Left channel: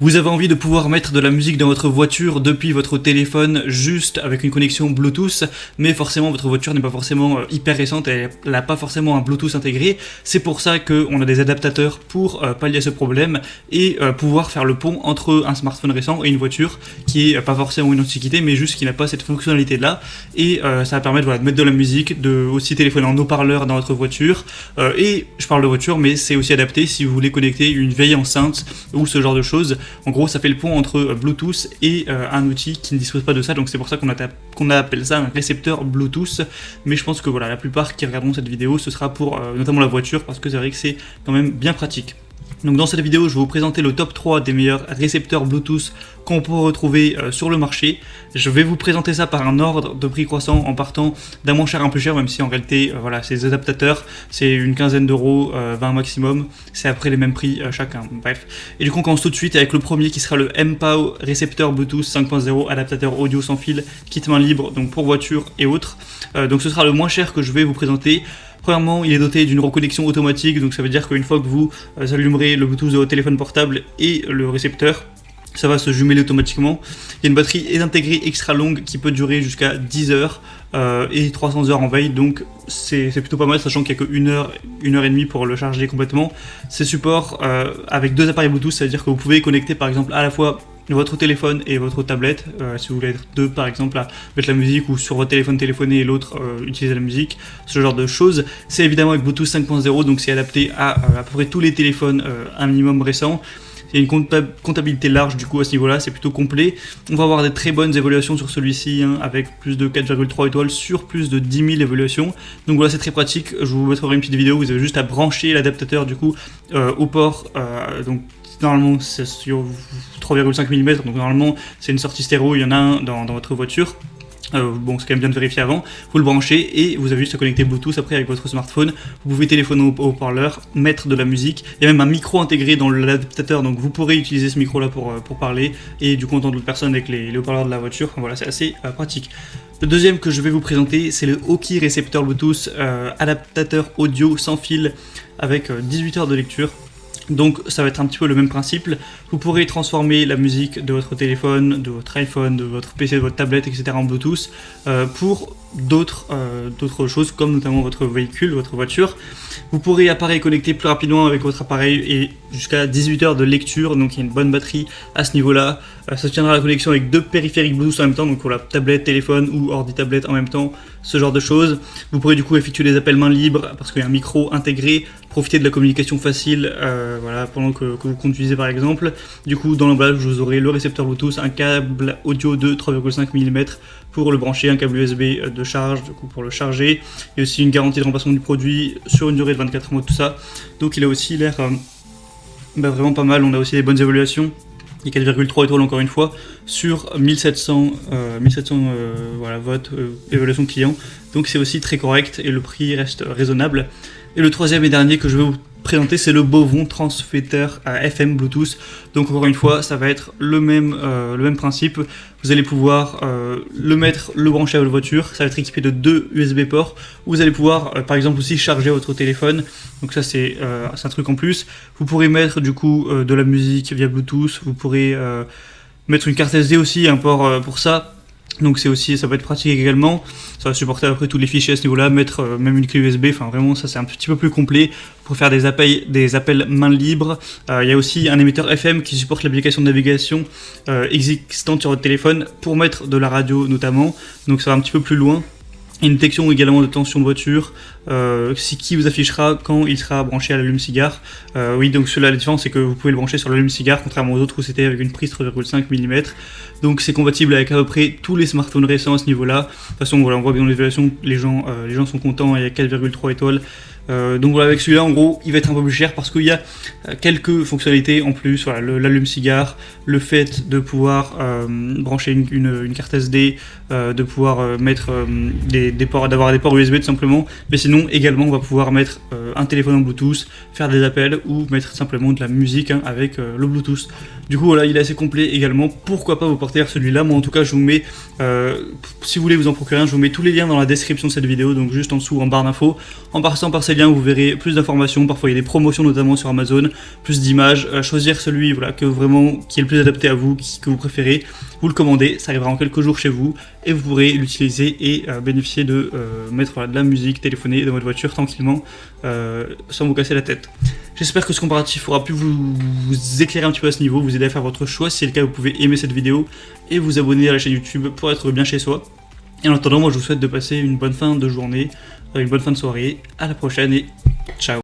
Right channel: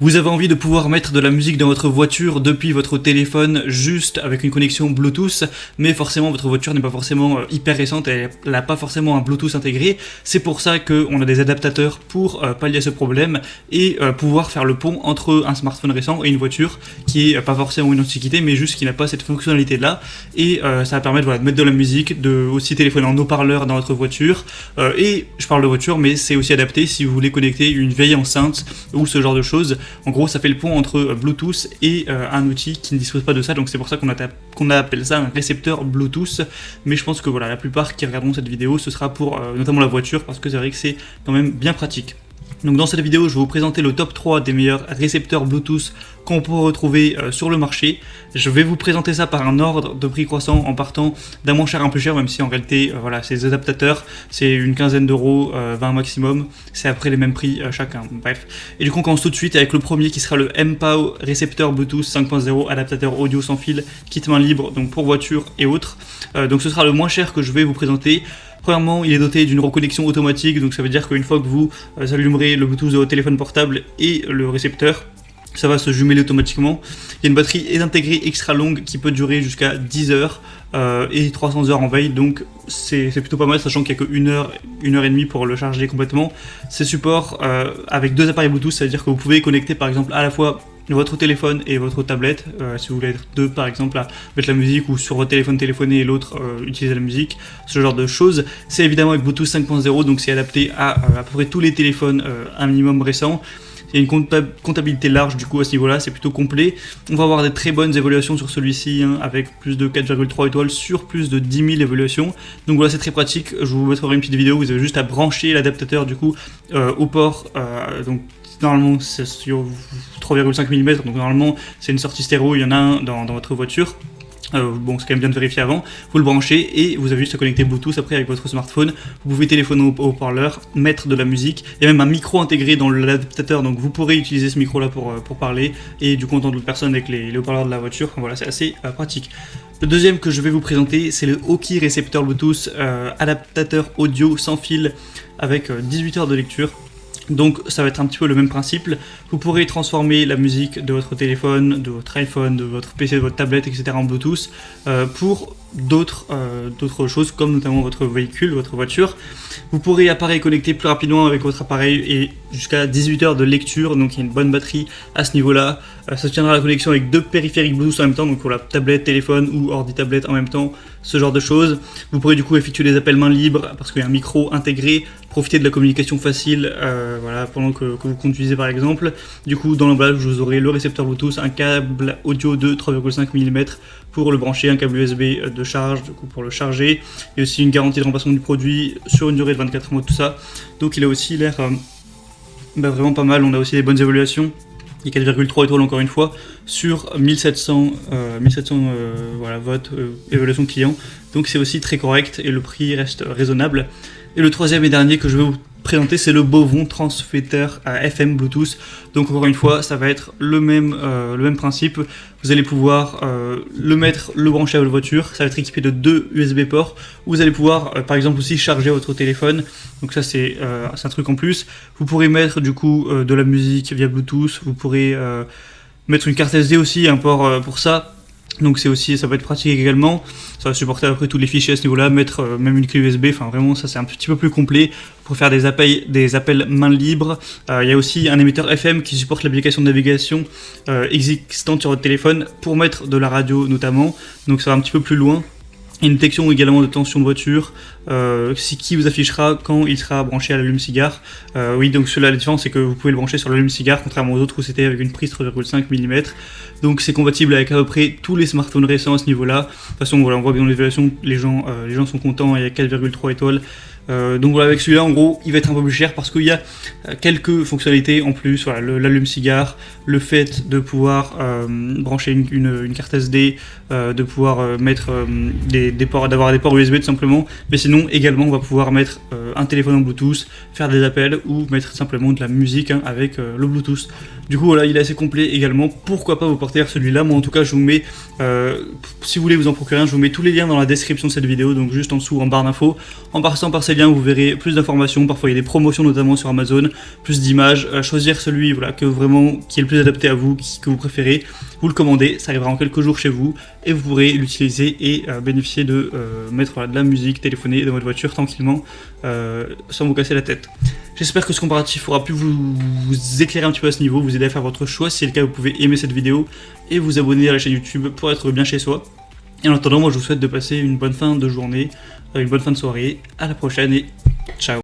Vous avez envie de pouvoir mettre de la musique dans votre voiture depuis votre téléphone juste avec une connexion Bluetooth, mais forcément votre voiture n'est pas forcément hyper récente et elle n'a pas forcément un Bluetooth intégré. C'est pour ça qu'on a des adaptateurs pour pallier à ce problème et pouvoir faire le pont entre un smartphone récent et une voiture qui est pas forcément une antiquité mais juste qui n'a pas cette fonctionnalité là. Et ça va permettre de mettre de la musique, de aussi téléphoner en haut-parleur dans votre voiture. Et je parle de voiture, mais c'est aussi adapté si vous voulez connecter une vieille enceinte ou ce genre de choses. En gros, ça fait le pont entre Bluetooth et un outil qui ne dispose pas de ça, donc c'est pour ça qu'on appelle ça un récepteur Bluetooth. Mais je pense que voilà, la plupart qui regarderont cette vidéo, ce sera pour notamment la voiture, parce que c'est vrai que c'est quand même bien pratique. Donc dans cette vidéo, je vais vous présenter le top 3 des meilleurs récepteurs Bluetooth qu'on peut retrouver sur le marché. Je vais vous présenter ça par un ordre de prix croissant en partant d'un moins cher un peu cher, même si en réalité, voilà, ces adaptateurs, c'est une quinzaine d'euros, 20 maximum, c'est après les mêmes prix chacun, bref. Et du coup, on commence tout de suite avec le premier qui sera le MPOW récepteur Bluetooth 5.0, adaptateur audio sans fil, kit main libre, donc pour voiture et autres. Donc ce sera le moins cher que je vais vous présenter. Premièrement, il est doté d'une reconnexion automatique, donc ça veut dire qu'une fois que vous allumerez le Bluetooth de votre téléphone portable et le récepteur, ça va se jumeler automatiquement. Il y a une batterie intégrée extra longue qui peut durer jusqu'à 10 heures et 300 heures en veille, donc c'est plutôt pas mal, sachant qu'il n'y a que 1 heure et demie pour le charger complètement. C'est support avec 2 appareils Bluetooth, ça veut dire que vous pouvez connecter par exemple à la fois votre téléphone et votre tablette, si vous voulez être deux par exemple à mettre la musique, ou sur votre téléphone téléphoner et l'autre utiliser la musique, ce genre de choses. C'est évidemment avec Bluetooth 5.0, donc c'est adapté à peu près tous les téléphones un minimum récents. Il y a une comptabilité large du coup à ce niveau-là, c'est plutôt complet. On va avoir des très bonnes évaluations sur celui-ci, hein, avec plus de 4,3 étoiles sur plus de 10 000 évaluations. Donc voilà, c'est très pratique. Je vous mettrai une petite vidéo, vous avez juste à brancher l'adaptateur du coup au port. Donc normalement c'est sur 3,5 mm, donc normalement c'est une sortie stéréo, il y en a un dans votre voiture. Bon, c'est quand même bien de vérifier avant. Vous le branchez et vous avez juste à connecter Bluetooth après avec votre smartphone. Vous pouvez téléphoner au haut-parleur, mettre de la musique. Il y a même un micro intégré dans l'adaptateur, donc vous pourrez utiliser ce micro-là pour parler et du coup entendre personne avec les haut-parleurs de la voiture. Enfin, voilà, c'est assez pratique. Le deuxième que je vais vous présenter, c'est le Oki récepteur Bluetooth, adaptateur audio sans fil avec 18 heures de lecture. Donc ça va être un petit peu le même principe. Vous pourrez transformer la musique de votre téléphone, de votre iPhone, de votre PC, de votre tablette, etc. en Bluetooth pour d'autres choses, comme notamment votre véhicule, votre voiture. Vous pourrez appareil connecter plus rapidement avec votre appareil et jusqu'à 18 heures de lecture, donc il y a une bonne batterie à ce niveau-là. Ça tiendra la connexion avec 2 périphériques Bluetooth en même temps, donc pour la tablette, téléphone ou ordi-tablette en même temps, ce genre de choses. Vous pourrez du coup effectuer des appels main libre parce qu'il y a un micro intégré, profiter de la communication facile voilà, pendant que vous conduisez par exemple. Du coup, dans le bas, vous aurez le récepteur Bluetooth, un câble audio de 3,5 mm pour le brancher, un câble USB de charge du coup pour le charger, et aussi une garantie de remplacement du produit sur une durée de 24 mois, tout ça. Donc il a aussi l'air vraiment pas mal. On a aussi les bonnes évaluations, les 4,3 étoiles encore une fois, sur 1700 voilà, votes évaluation client. Donc c'est aussi très correct et le prix reste raisonnable. Et le troisième et dernier que je vais vous présenter, c'est le Bovon transfetteur FM Bluetooth. Donc encore une fois, ça va être le même principe. Vous allez pouvoir le brancher à votre voiture. Ça va être équipé de 2 USB ports. Vous allez pouvoir par exemple aussi charger votre téléphone. Donc ça c'est un truc en plus. Vous pourrez mettre du coup de la musique via Bluetooth. Vous pourrez mettre une carte SD aussi, un port pour ça. Donc ça peut être pratique également. Ça va supporter après tous les fichiers à ce niveau-là, mettre même une clé USB. Enfin vraiment, ça c'est un petit peu plus complet pour faire des appels main libre. Il y a aussi un émetteur FM qui supporte l'application de navigation existante sur votre téléphone pour mettre de la radio notamment. Donc ça va un petit peu plus loin. Une détection également de tension de voiture. Qui vous affichera quand il sera branché à l'allume-cigare. Oui, donc la différence c'est que vous pouvez le brancher sur l'allume-cigare, contrairement aux autres où c'était avec une prise 3,5 mm. Donc c'est compatible avec à peu près tous les smartphones récents à ce niveau-là. De toute façon, voilà, on voit bien dans l'évaluation, les gens sont contents, il y a 4,3 étoiles. Donc voilà, avec celui-là, en gros, il va être un peu plus cher parce qu'il y a quelques fonctionnalités en plus. Voilà, l'allume-cigare, le fait de pouvoir brancher une carte SD, de pouvoir mettre d'avoir des ports USB tout simplement. Mais sinon, également, on va pouvoir mettre un téléphone en Bluetooth, faire des appels ou mettre simplement de la musique avec le Bluetooth. Du coup, voilà, il est assez complet également. Pourquoi pas vous porter vers celui-là? Moi, en tout cas, je vous mets, si vous voulez vous en procurer un, je vous mets tous les liens dans la description de cette vidéo, donc juste en dessous en barre d'infos. En passant par ces liens, vous verrez plus d'informations. Parfois, il y a des promotions, notamment sur Amazon. plus d'images, choisir celui voilà, qui est le plus adapté à vous, que vous préférez, vous le commandez, ça arrivera en quelques jours chez vous et vous pourrez l'utiliser et bénéficier de mettre de la musique, téléphoner dans votre voiture tranquillement sans vous casser la tête. J'espère que ce comparatif aura pu vous éclairer un petit peu à ce niveau, vous aider à faire votre choix. Si c'est le cas, vous pouvez aimer cette vidéo et vous abonner à la chaîne YouTube pour être bien chez soi. Et en attendant, moi je vous souhaite de passer une bonne fin de journée, une bonne fin de soirée. À la prochaine et ciao.